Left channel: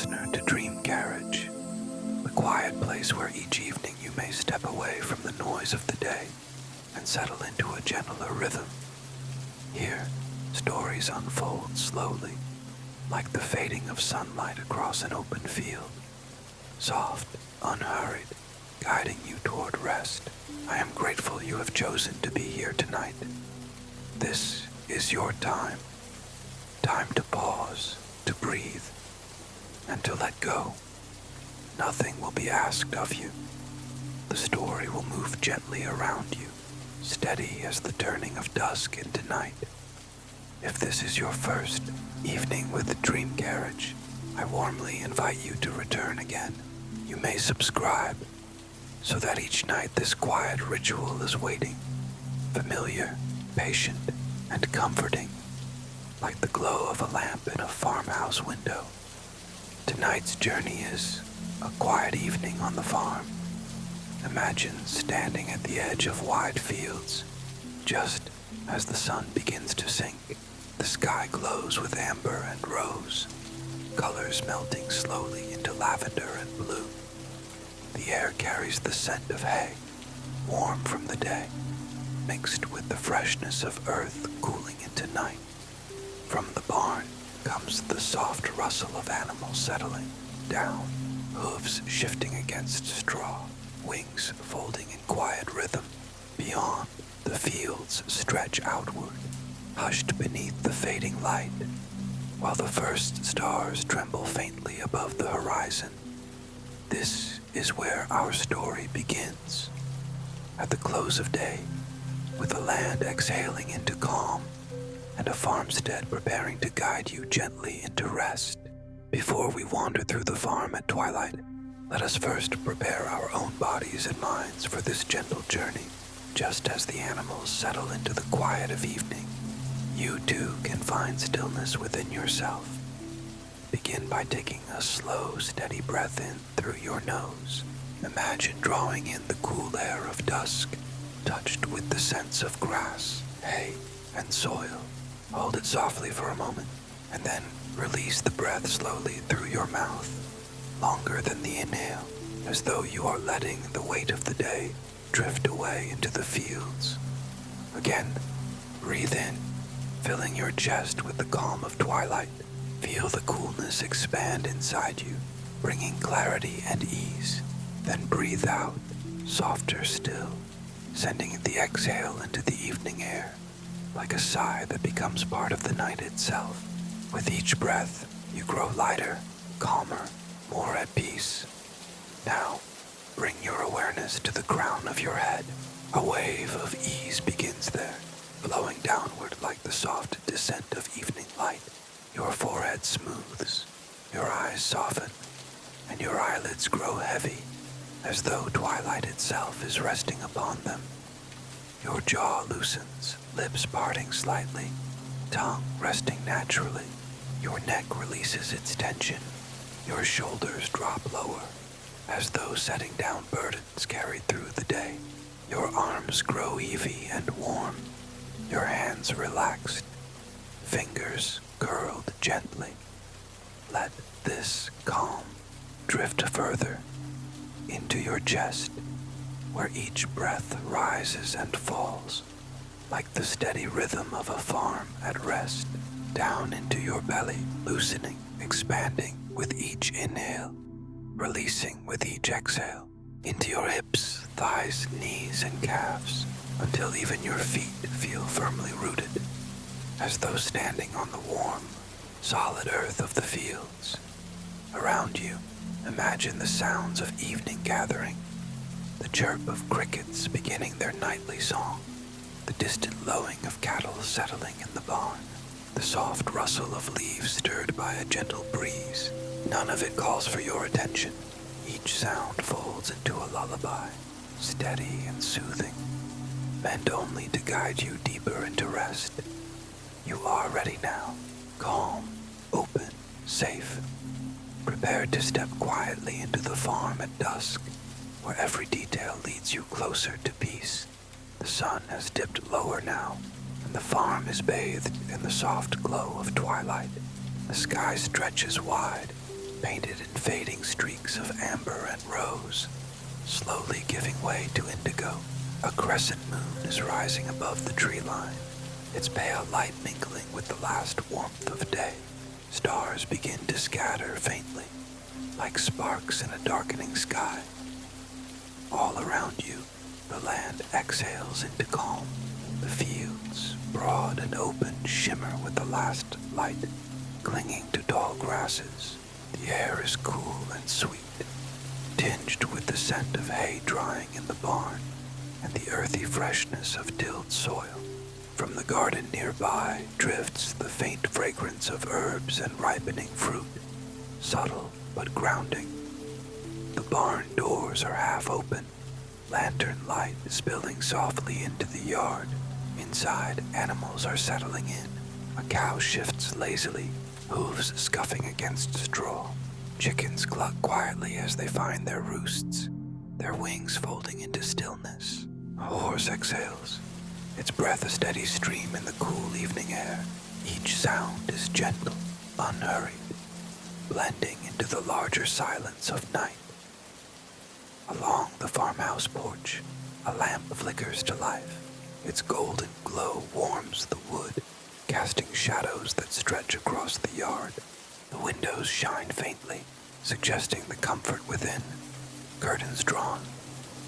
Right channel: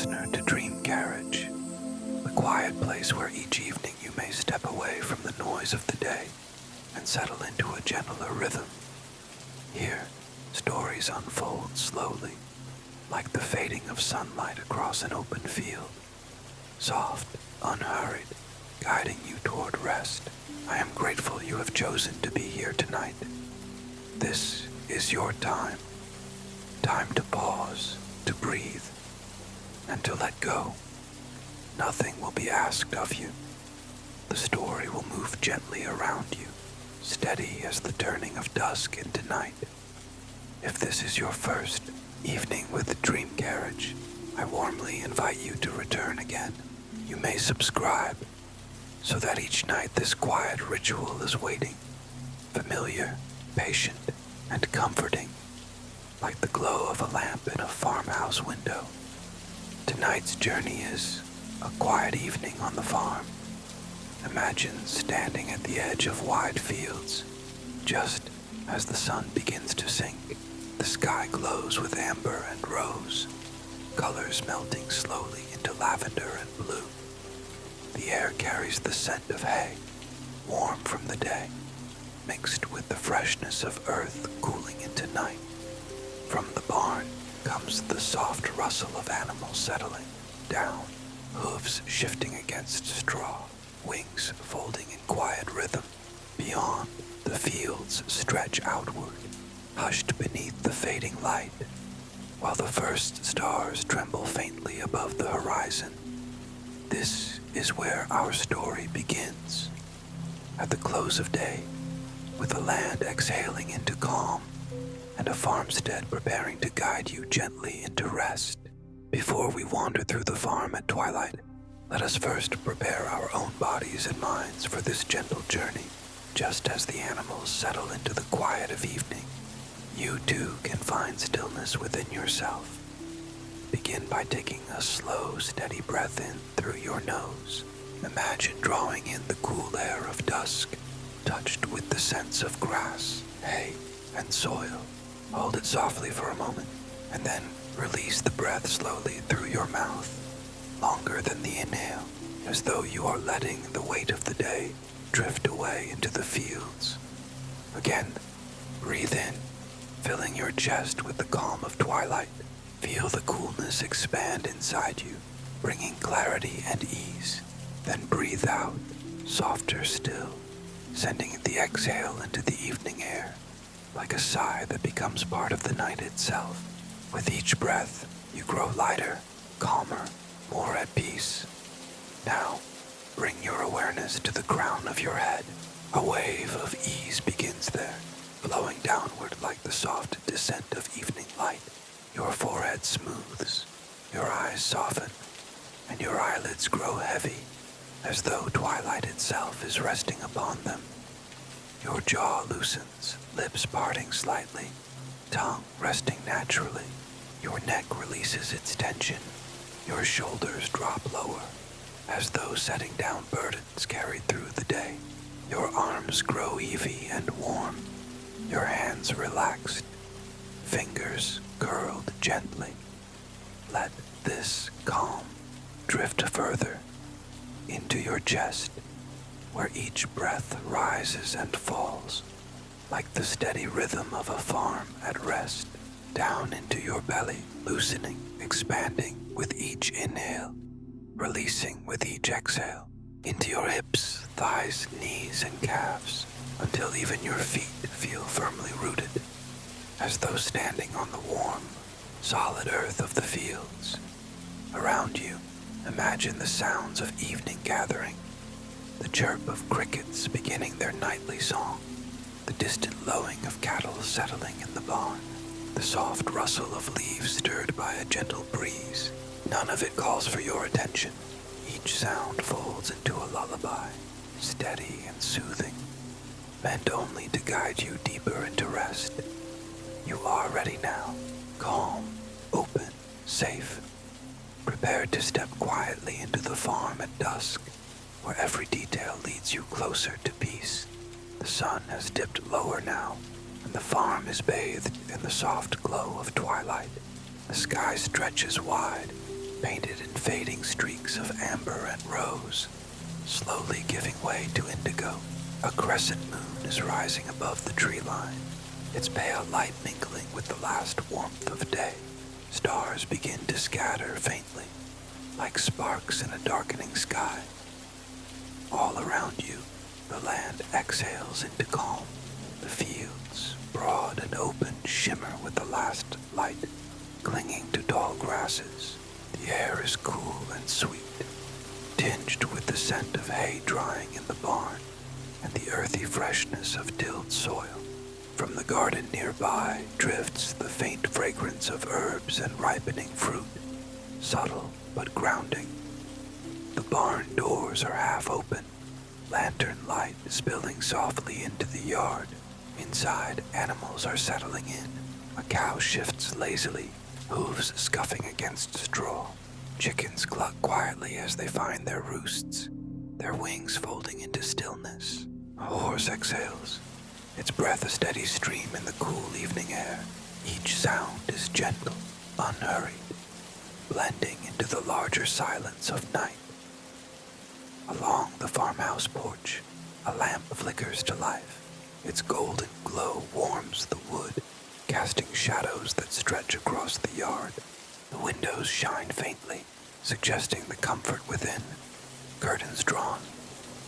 listener to Dream Carriage, the quiet place where each evening you may step away from the noise of the day and settle into a gentler rhythm. Here, stories unfold slowly, like the fading of sunlight across an open field, soft, unhurried, guiding you toward rest. I am grateful you have chosen to be here tonight. This is your time. Time to pause, to breathe, and to let go. Nothing will be asked of you. The story will move gently around you, steady as the turning of dusk into night. If this is your first evening with Dream Carriage, I warmly invite you to return again. You may subscribe, so that each night this quiet ritual is waiting, familiar, patient, and comforting, like the glow of a lamp in a farmhouse window. Tonight's journey is a quiet evening on the farm. Imagine standing at the edge of wide fields, just as the sun begins to sink. The sky glows with amber and rose, colors melting slowly into lavender and blue. The air carries the scent of hay, warm from the day, mixed with the freshness of earth cooling into night. From the barn comes the soft rustle of animals settling down, hooves shifting against straw, wings folding in quiet rhythm. Beyond, the fields stretch outward, hushed beneath the fading light, while the first stars tremble faintly above the horizon. This is where our story begins. At the close of day, with the land exhaling into calm, and a farmstead preparing to guide you gently into rest. Before we wander through the farm at twilight, let us first prepare our own bodies and minds for this gentle journey. Just as the animals settle into the quiet of evening, you too can find stillness within yourself. Begin by taking a slow, steady breath in through your nose. Imagine drawing in the cool air of dusk, touched with the scents of grass, hay, and soil. Hold it softly for a moment, and then release the breath slowly through your mouth, longer than the inhale, as though you are letting the weight of the day drift away into the fields. Again, breathe in, filling your chest with the calm of twilight. Feel the coolness expand inside you, bringing clarity and ease. Then breathe out, softer still, sending the exhale into the evening air, like a sigh that becomes part of the night itself. With each breath, you grow lighter, calmer, more at peace. Now, bring your awareness to the crown of your head. A wave of ease begins there, flowing downward like the soft descent of evening light. Your forehead smooths, your eyes soften, and your eyelids grow heavy, as though twilight itself is resting upon them. Your jaw loosens, lips parting slightly, tongue resting naturally. Your neck releases its tension. Your shoulders drop lower, as though setting down burdens carried through the day. Your arms grow heavy and warm, your hands relaxed, fingers curled gently. Let this calm drift further into your chest, where each breath rises and falls, like the steady rhythm of a farm at rest, down into your belly, loosening, expanding with each inhale, releasing with each exhale, into your hips, thighs, knees, and calves, until even your feet feel firmly rooted, as though standing on the warm, solid earth of the fields. Around you, imagine the sounds of evening gathering, the chirp of crickets beginning their nightly song, the distant lowing of cattle settling in the barn, the soft rustle of leaves stirred by a gentle breeze. None of it calls for your attention. Each sound folds into a lullaby, steady and soothing, meant only to guide you deeper into rest. You are ready now, calm, open, safe, prepared to step quietly into the farm at dusk, where every detail leads you closer to peace. The sun has dipped lower now, and the farm is bathed in the soft glow of twilight. The sky stretches wide, painted in fading streaks of amber and rose, slowly giving way to indigo. A crescent moon is rising above the tree line, its pale light mingling with the last warmth of day. Stars begin to scatter faintly, like sparks in a darkening sky. All around you, the land exhales into calm. The fields, broad and open, shimmer with the last light, clinging to tall grasses. The air is cool and sweet, tinged with the scent of hay drying in the barn and the earthy freshness of tilled soil. From the garden nearby drifts the faint fragrance of herbs and ripening fruit, subtle but grounding. The barn doors are half open, lantern light spilling softly into the yard. Inside, animals are settling in. A cow shifts lazily, hooves scuffing against straw. Chickens cluck quietly as they find their roosts, their wings folding into stillness. A horse exhales, its breath a steady stream in the cool evening air. Each sound is gentle, unhurried, blending into the larger silence of night. Along the farmhouse porch, a lamp flickers to life. Its golden glow warms the wood, casting shadows that stretch across the yard. The windows shine faintly, suggesting the comfort within. Curtains drawn,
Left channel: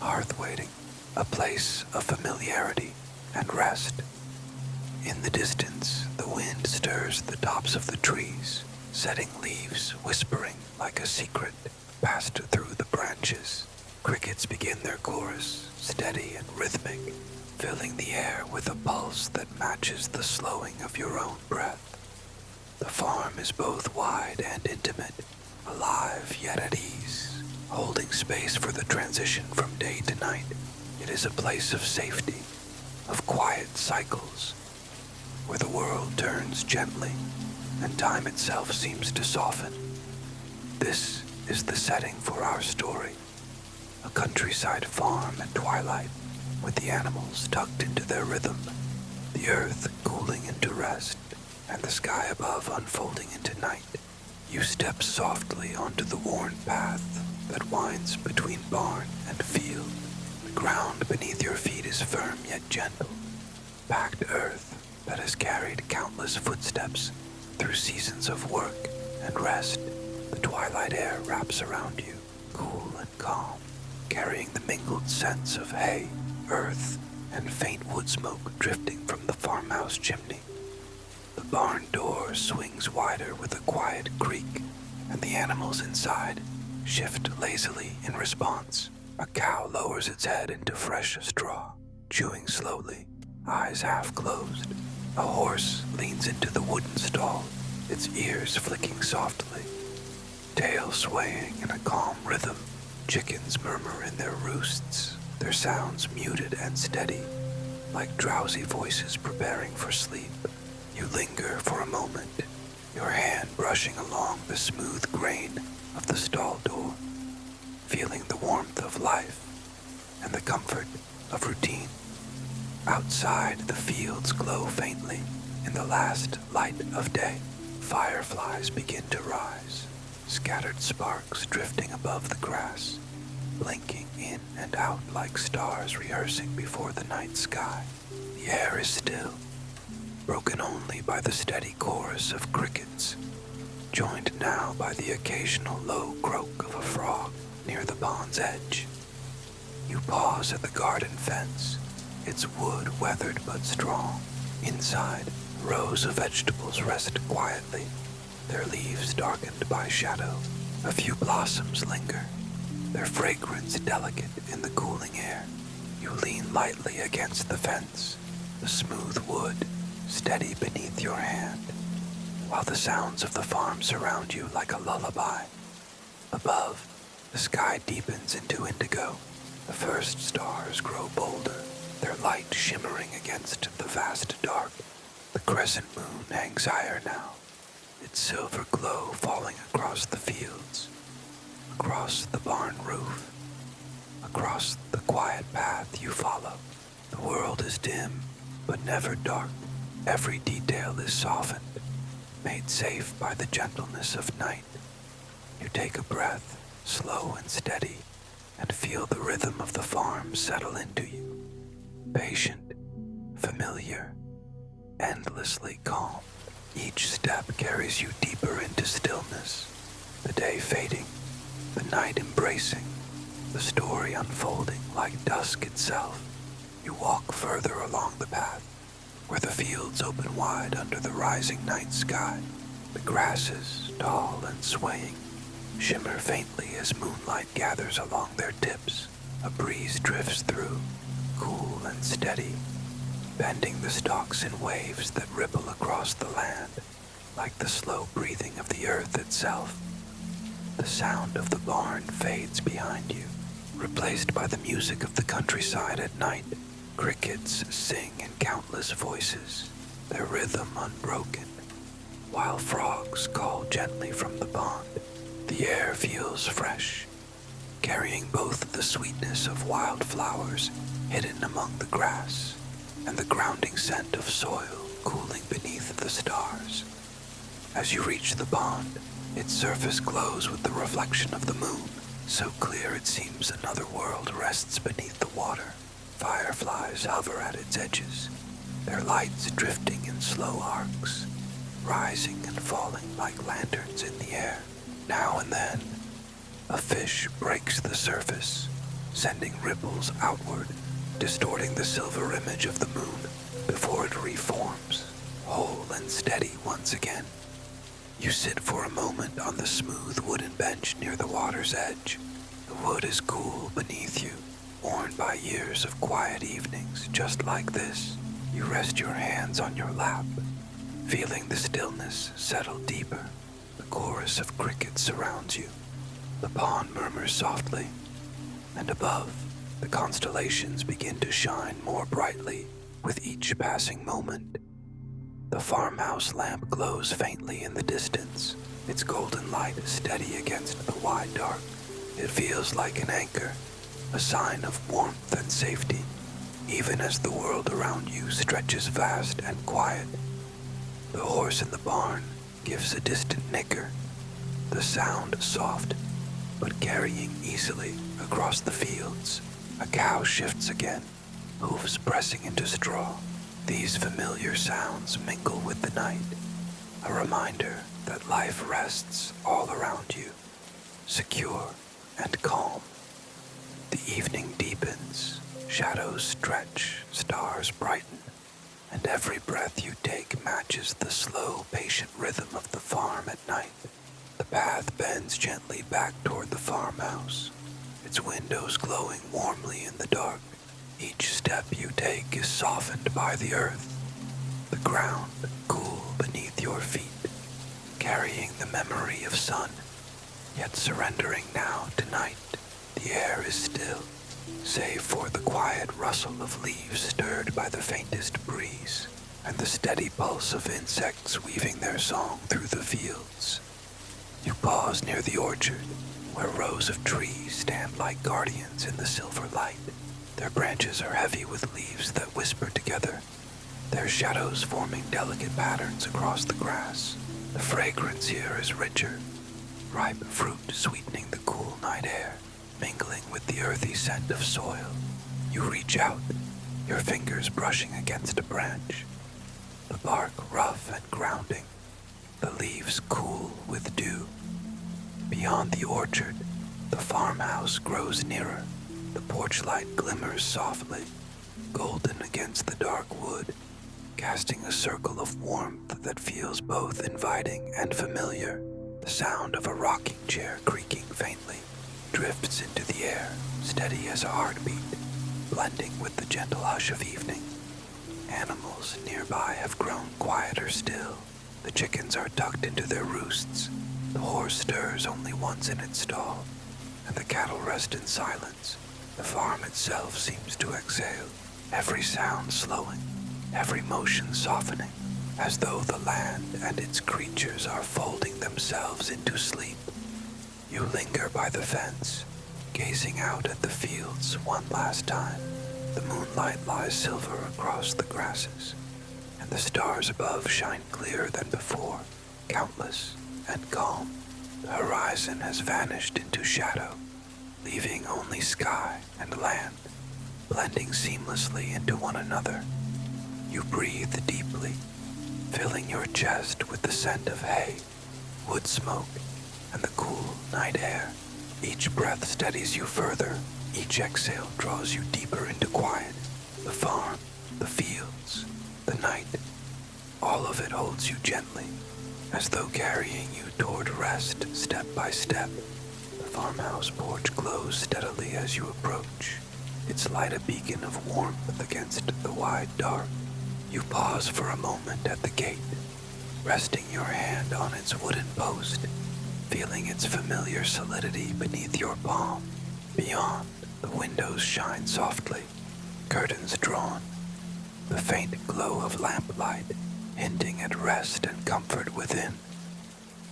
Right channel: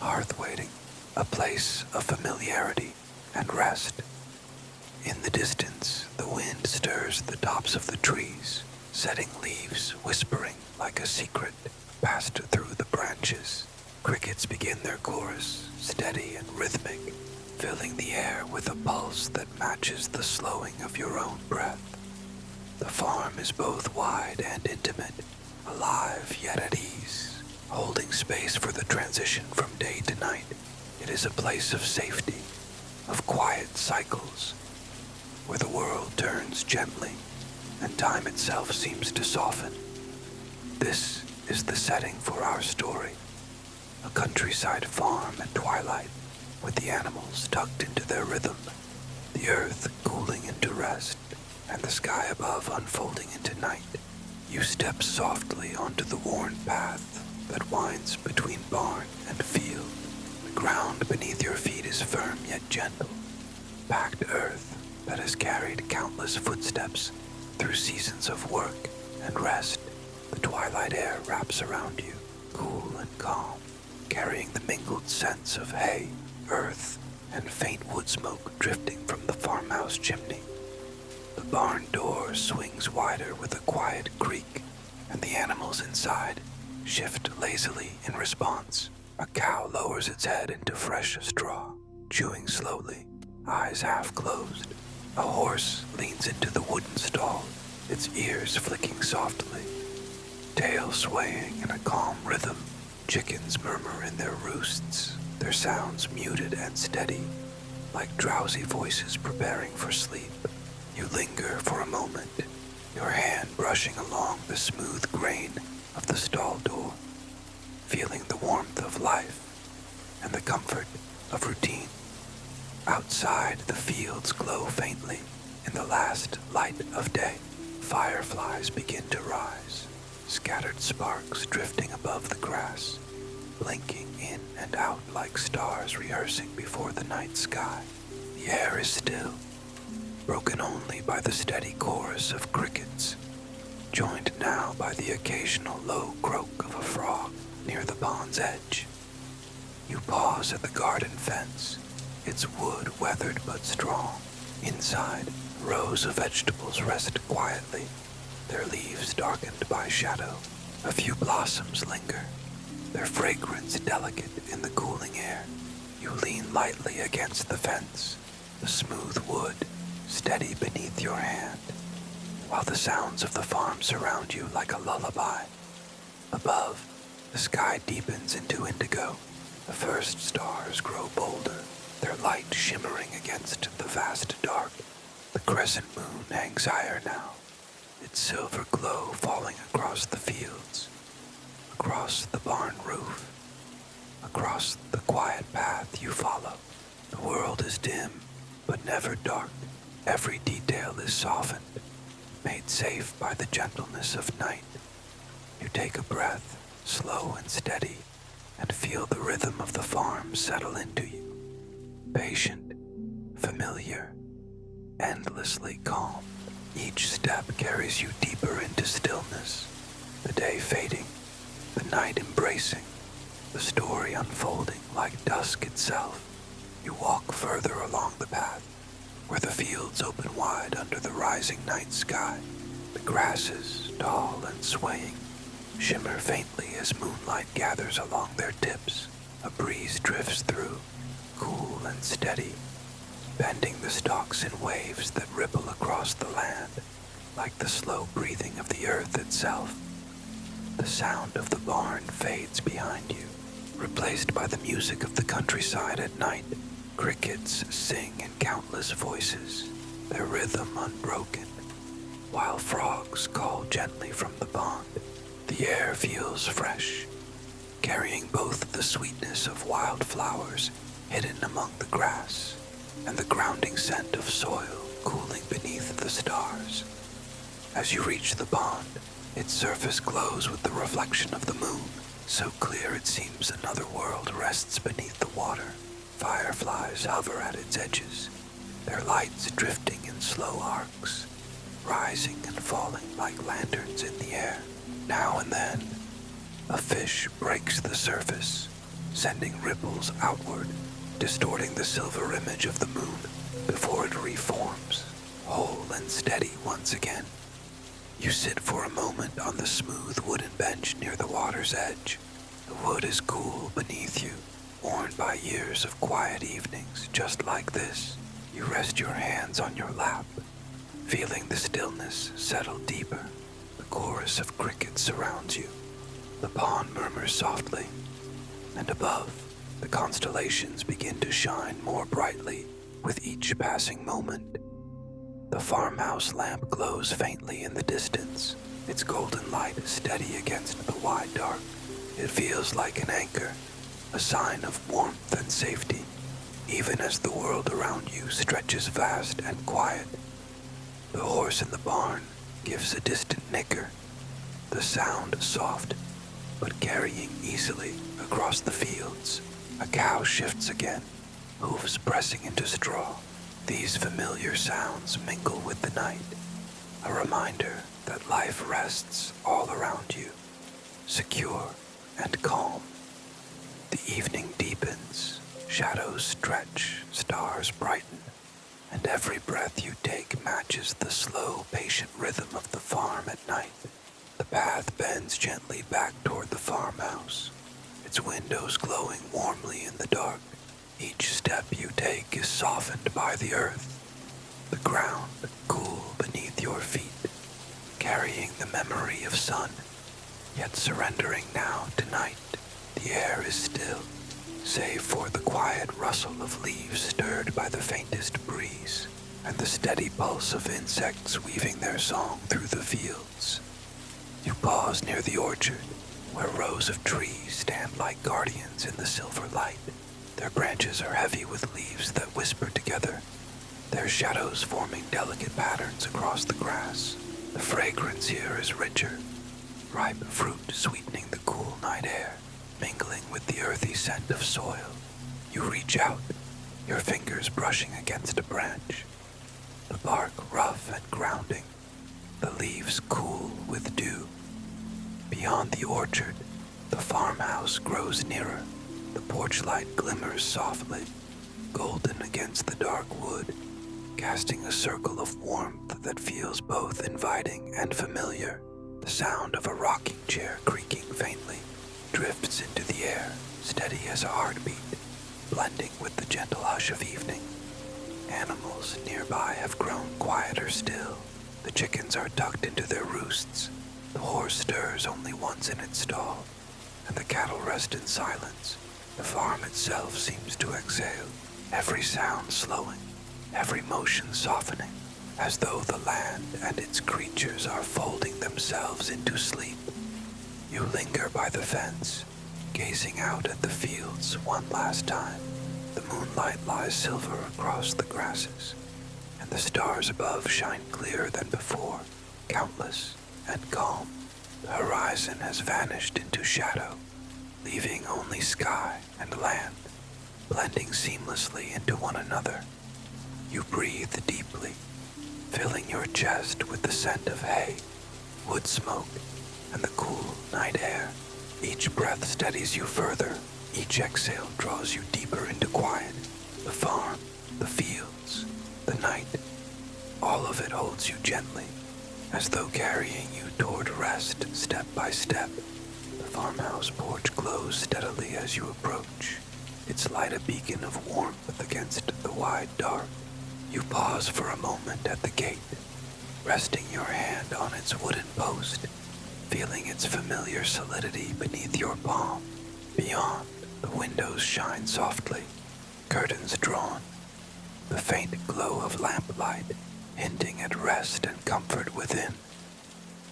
hearth waiting, a place of familiarity and rest. In the distance, the wind stirs the tops of the trees, setting leaves whispering like a secret passed through the branches. Crickets begin their chorus, steady and rhythmic, filling the air with a pulse that matches the slowing of your own breath. The farm is both wide and intimate, alive yet at ease, holding space for the transition from day to night. It is a place of safety, of quiet cycles, where the world turns gently and time itself seems to soften. This is the setting for our story, a countryside farm at twilight, with the animals tucked into their rhythm, the earth cooling into rest, and the sky above unfolding into night. You step softly onto the worn path that winds between barn and field. The ground beneath your feet is firm yet gentle, packed earth that has carried countless footsteps through seasons of work and rest. The twilight air wraps around you, cool and calm, carrying the mingled scents of hay, earth, and faint wood smoke drifting from the farmhouse chimney. The barn door swings wider with a quiet creak, and the animals inside shift lazily in response. A cow lowers its head into fresh straw, chewing slowly, eyes half closed. A horse leans into the wooden stall, its ears flicking softly, tail swaying in a calm rhythm. Chickens murmur in their roosts, their sounds muted and steady, like drowsy voices preparing for sleep. You linger for a moment, your hand brushing along the smooth grain of the stall door, feeling the warmth of life and the comfort of routine. Outside, the fields glow faintly in the last light of day. Fireflies begin to rise, scattered sparks drifting above the grass, blinking in and out like stars rehearsing before the night sky. The air is still, broken only by the steady chorus of crickets, joined now by the occasional low croak of a frog near the pond's edge. You pause at the garden fence, its wood weathered but strong. Inside, rows of vegetables rest quietly, their leaves darkened by shadow. A few blossoms linger, their fragrance delicate in the cooling air. You lean lightly against the fence, the smooth wood steady beneath your hand, while the sounds of the farm surround you like a lullaby. Above, the sky deepens into indigo. The first stars grow bolder, their light shimmering against the vast dark. The crescent moon hangs higher now, its silver glow falling across the fields, across the barn roof, across the quiet path you follow. The world is dim, but never dark. Every detail is softened, made safe by the gentleness of night. You take a breath, slow and steady, and feel the rhythm of the farm settle into you. Patient, familiar, endlessly calm. Each step carries you deeper into stillness, the day fading, the night embracing, the story unfolding like dusk itself. You walk further along the path, where the fields open wide under the rising night sky. The grasses, tall and swaying, shimmer faintly as moonlight gathers along their tips. A breeze drifts through, cool and steady, bending the stalks in waves that ripple across the land, like the slow breathing of the earth itself. The sound of the barn fades behind you, replaced by the music of the countryside at night. Crickets sing in countless voices, their rhythm unbroken, while frogs call gently from the pond. The air feels fresh, carrying both the sweetness of wildflowers hidden among the grass and the grounding scent of soil cooling beneath the stars. As you reach the pond, its surface glows with the reflection of the moon, so clear it seems another world rests beneath the water. Fireflies hover at its edges, their lights drifting in slow arcs, rising and falling like lanterns in the air. Now and then, a fish breaks the surface, sending ripples outward, distorting the silver image of the moon before it reforms, whole and steady once again. You sit for a moment on the smooth wooden bench near the water's edge. The wood is cool beneath you, worn by years of quiet evenings just like this. You rest your hands on your lap, feeling the stillness settle deeper. The chorus of crickets surrounds you. The pond murmurs softly, and above, the constellations begin to shine more brightly with each passing moment. The farmhouse lamp glows faintly in the distance, its golden light steady against the wide dark. It feels like an anchor, a sign of warmth and safety, even as the world around you stretches vast and quiet. The horse in the barn gives a distant nicker, the sound soft, but carrying easily across the fields. A cow shifts again, hooves pressing into straw. These familiar sounds mingle with the night, a reminder that life rests all around you, secure and calm. The evening deepens, shadows stretch, stars brighten, and every breath you take matches the slow, patient rhythm of the farm at night. The path bends gently back toward the farmhouse, its windows glowing warmly in the dark. Each step you take is softened by the earth, the ground cool beneath your feet, carrying the memory of sun, yet surrendering now to night. The air is still, save for the quiet rustle of leaves stirred by the faintest breeze, and the steady pulse of insects weaving their song through the fields. You pause near the orchard, where rows of trees stand like guardians in the silver light. Their branches are heavy with leaves that whisper together, their shadows forming delicate patterns across the grass. The fragrance here is richer, ripe fruit sweetening the cool night air, mingling with the earthy scent of soil. You reach out, your fingers brushing against a branch, the bark rough and grounding, the leaves cool with dew. Beyond the orchard, the farmhouse grows nearer. The porch light glimmers softly, golden against the dark wood, casting a circle of warmth that feels both inviting and familiar. The sound of a rocking chair creaking faintly drifts into the air, steady as a heartbeat, blending with the gentle hush of evening. Animals nearby have grown quieter still. The chickens are tucked into their roosts. The horse stirs only once in its stall, and the cattle rest in silence. The farm itself seems to exhale, every sound slowing, every motion softening, as though the land and its creatures are folding themselves into sleep. You linger by the fence, gazing out at the fields one last time. The moonlight lies silver across the grasses, and the stars above shine clearer than before, countless and calm. The horizon horizon has vanished into shadow, leaving only sky and land, blending seamlessly into one another. You breathe deeply, filling your chest with the scent of hay, wood smoke, and the cool night air. Each breath steadies you further, each exhale draws you deeper into quiet. The farm, the fields, the night, all of it holds you gently, as though carrying you toward rest step by step. The farmhouse porch glows steadily as you approach, its light a beacon of warmth against the wide dark. You pause for a moment at the gate, resting your hand on its wooden post, feeling its familiar solidity beneath your palm. Beyond, the windows shine softly, curtains drawn, the faint glow of lamplight hinting at rest and comfort within.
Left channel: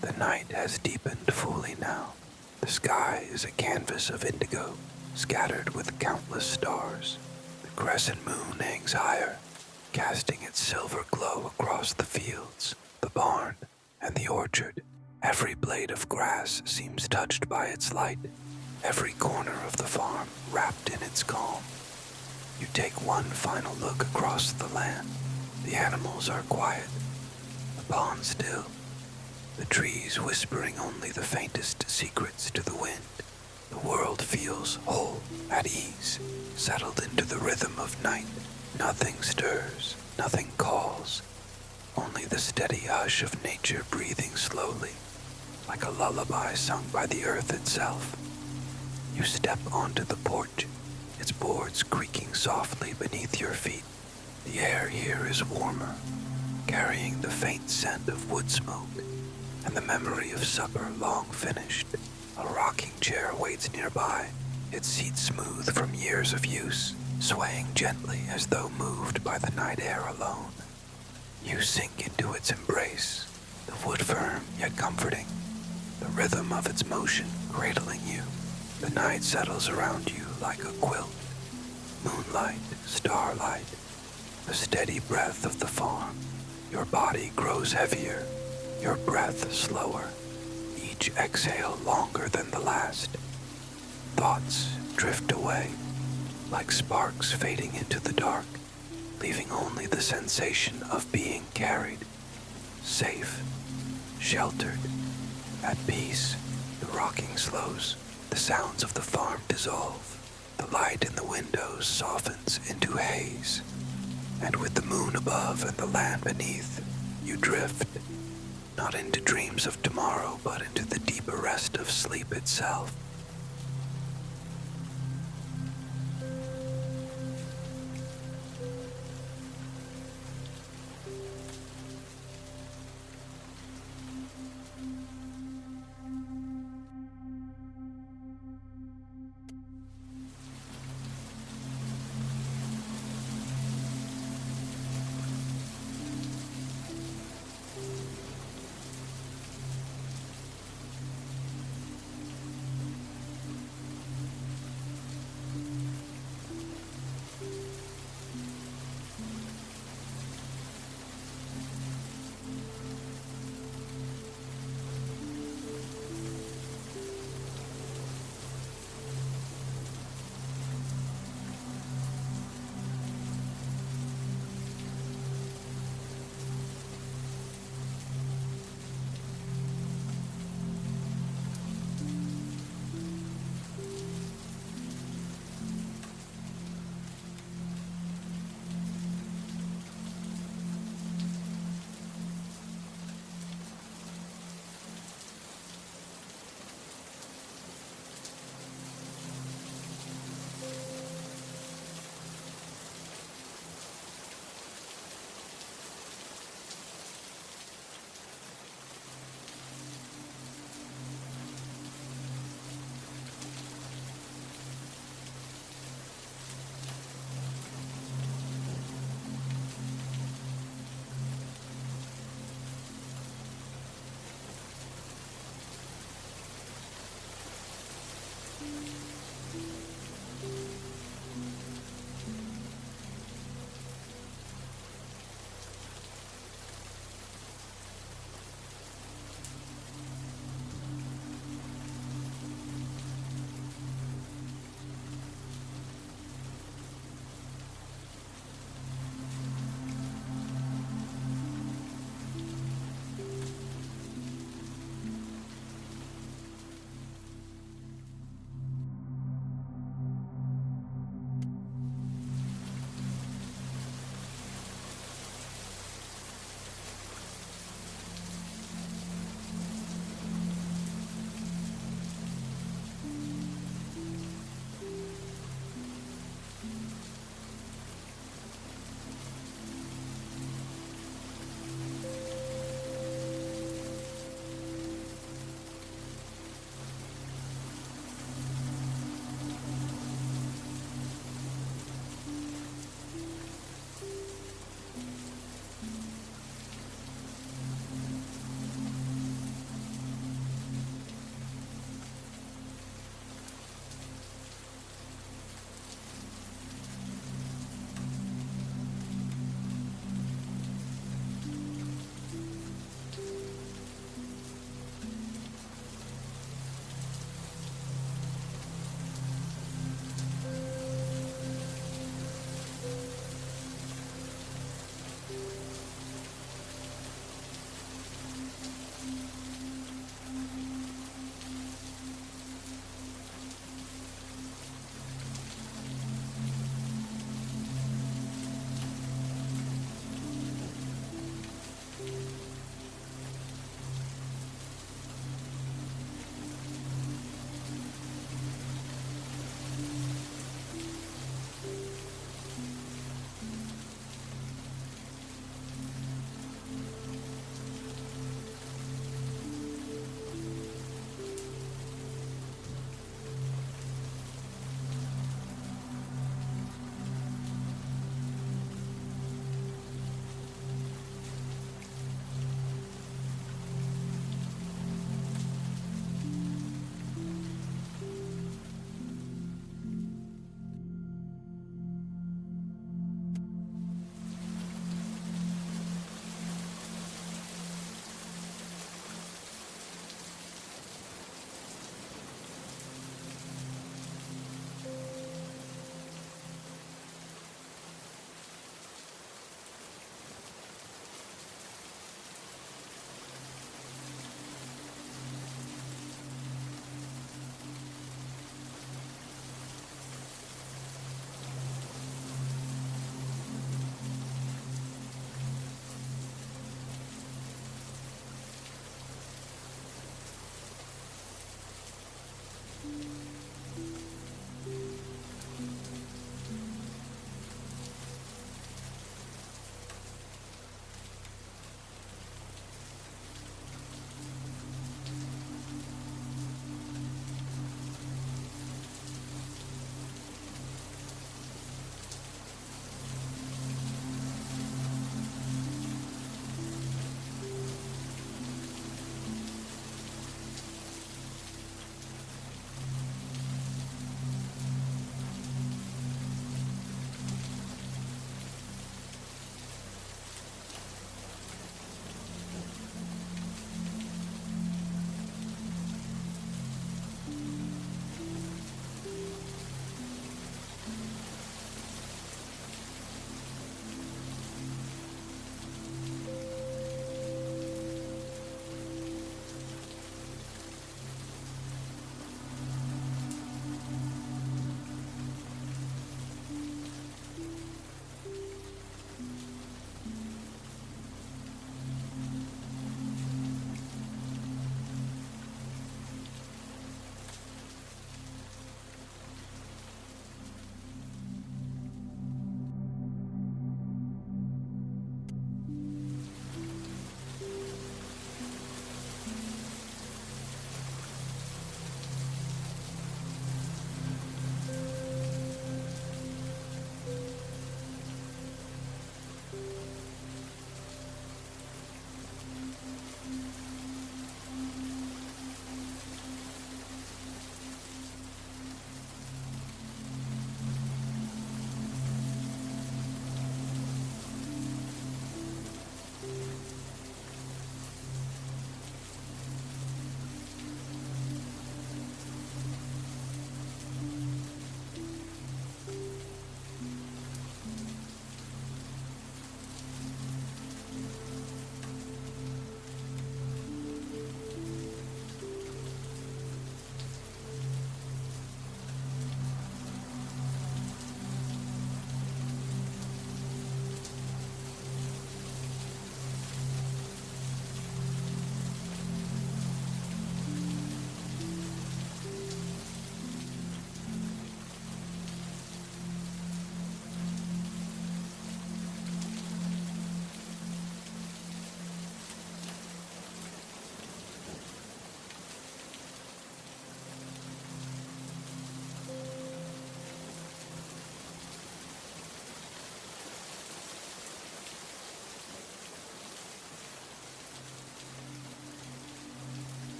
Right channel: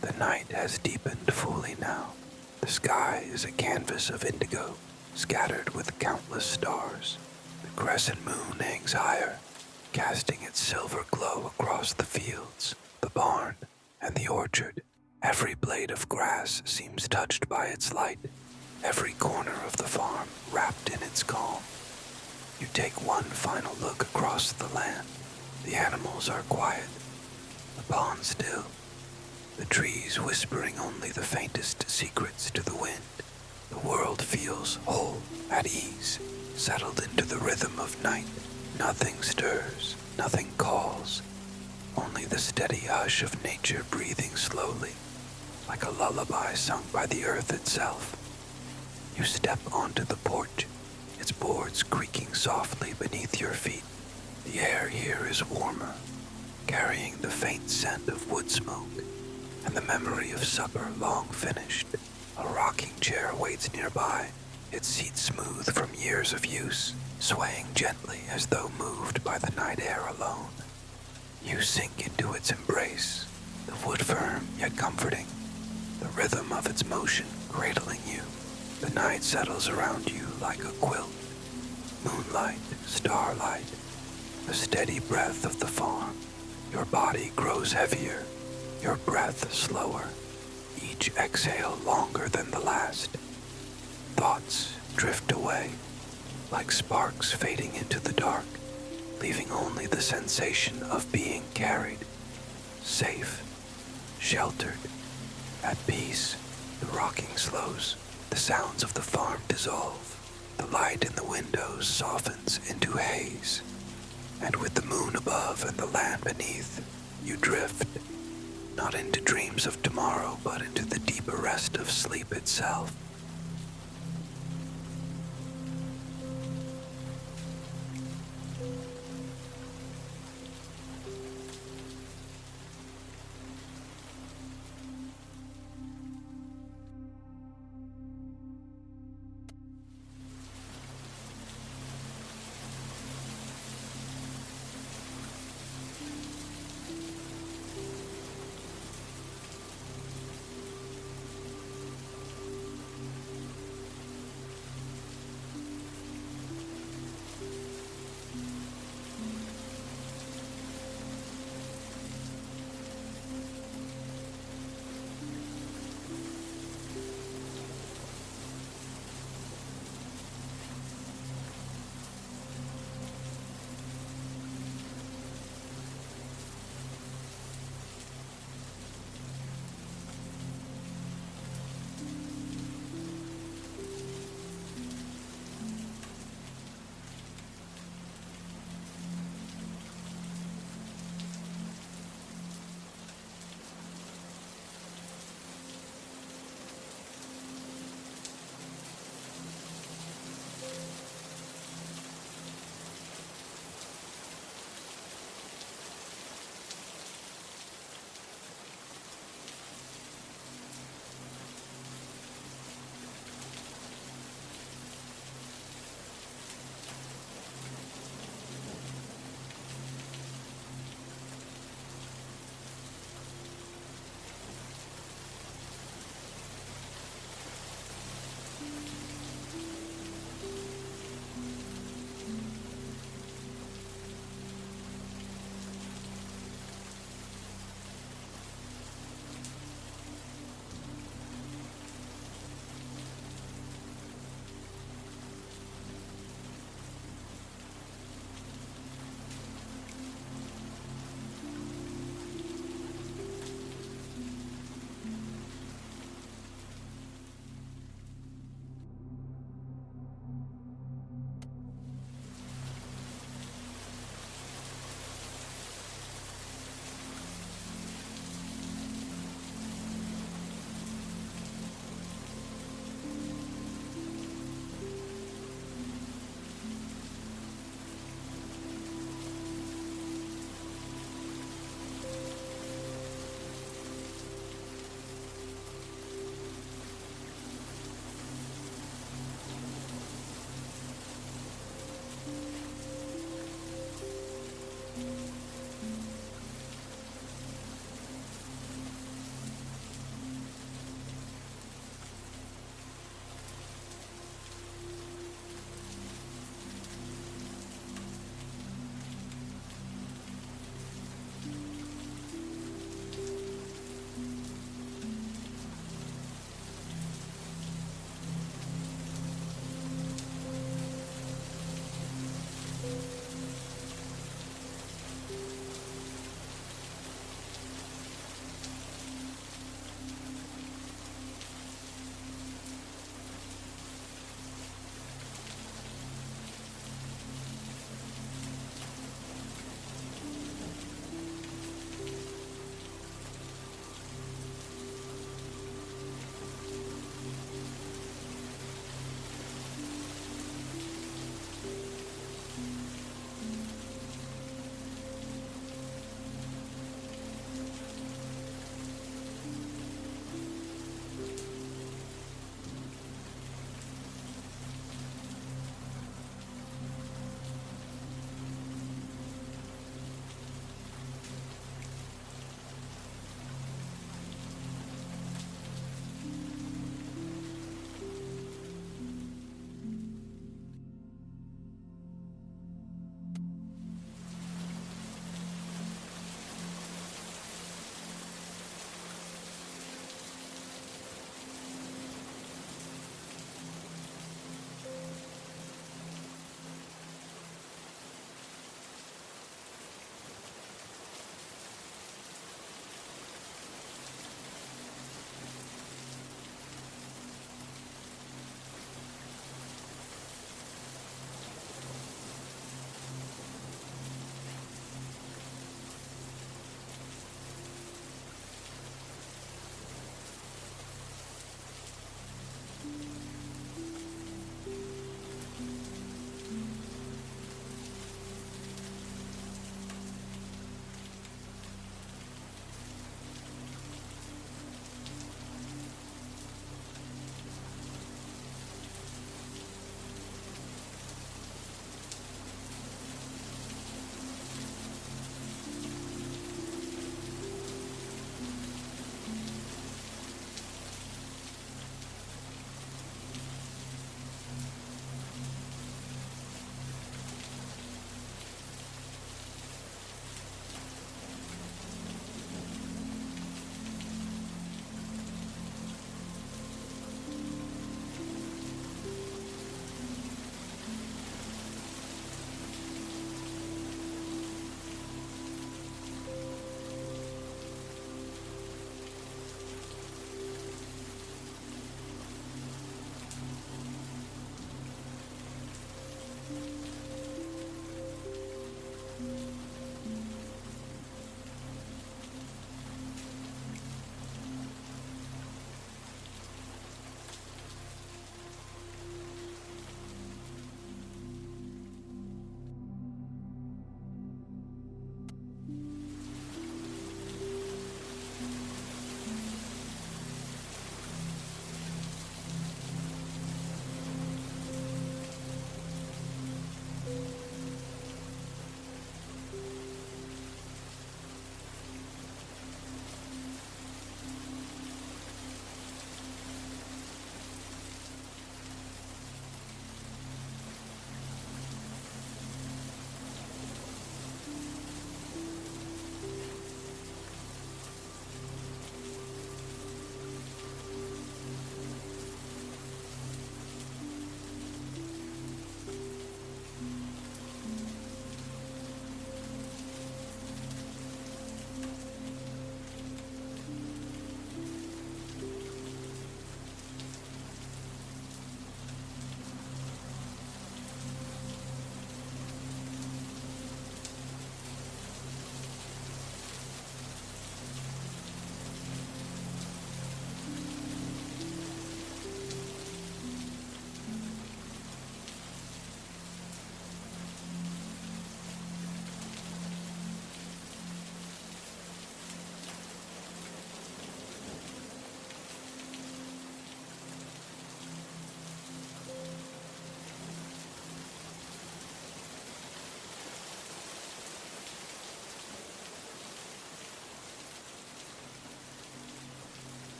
The night has deepened fully now. The sky is a canvas of indigo, scattered with countless stars. The crescent moon hangs higher, casting its silver glow across the fields, the barn, and the orchard. Every blade of grass seems touched by its light, every corner of the farm wrapped in its calm. You take one final look across the land. The animals are quiet, the pond still, the trees whispering only the faintest secrets to the wind. The world feels whole, at ease, settled into the rhythm of night. Nothing stirs, nothing calls, only the steady hush of nature breathing slowly, like a lullaby sung by the earth itself. You step onto the porch, its boards creaking softly beneath your feet. The air here is warmer, carrying the faint scent of wood smoke and the memory of supper long finished. A rocking chair waits nearby, its seat smooth from years of use, swaying gently as though moved by the night air alone. You sink into its embrace, the wood firm yet comforting, the rhythm of its motion cradling you. The night settles around you like a quilt, moonlight, starlight, the steady breath of the farm. Your body grows heavier, your breath slower, each exhale longer than the last. Thoughts drift away, like sparks fading into the dark, leaving only the sensation of being carried, safe, sheltered, at peace. The rocking slows, the sounds of the farm dissolve, the light in the windows softens into haze, and with the moon above and the land beneath, you drift, not into dreams of tomorrow, but into the deeper rest of sleep itself.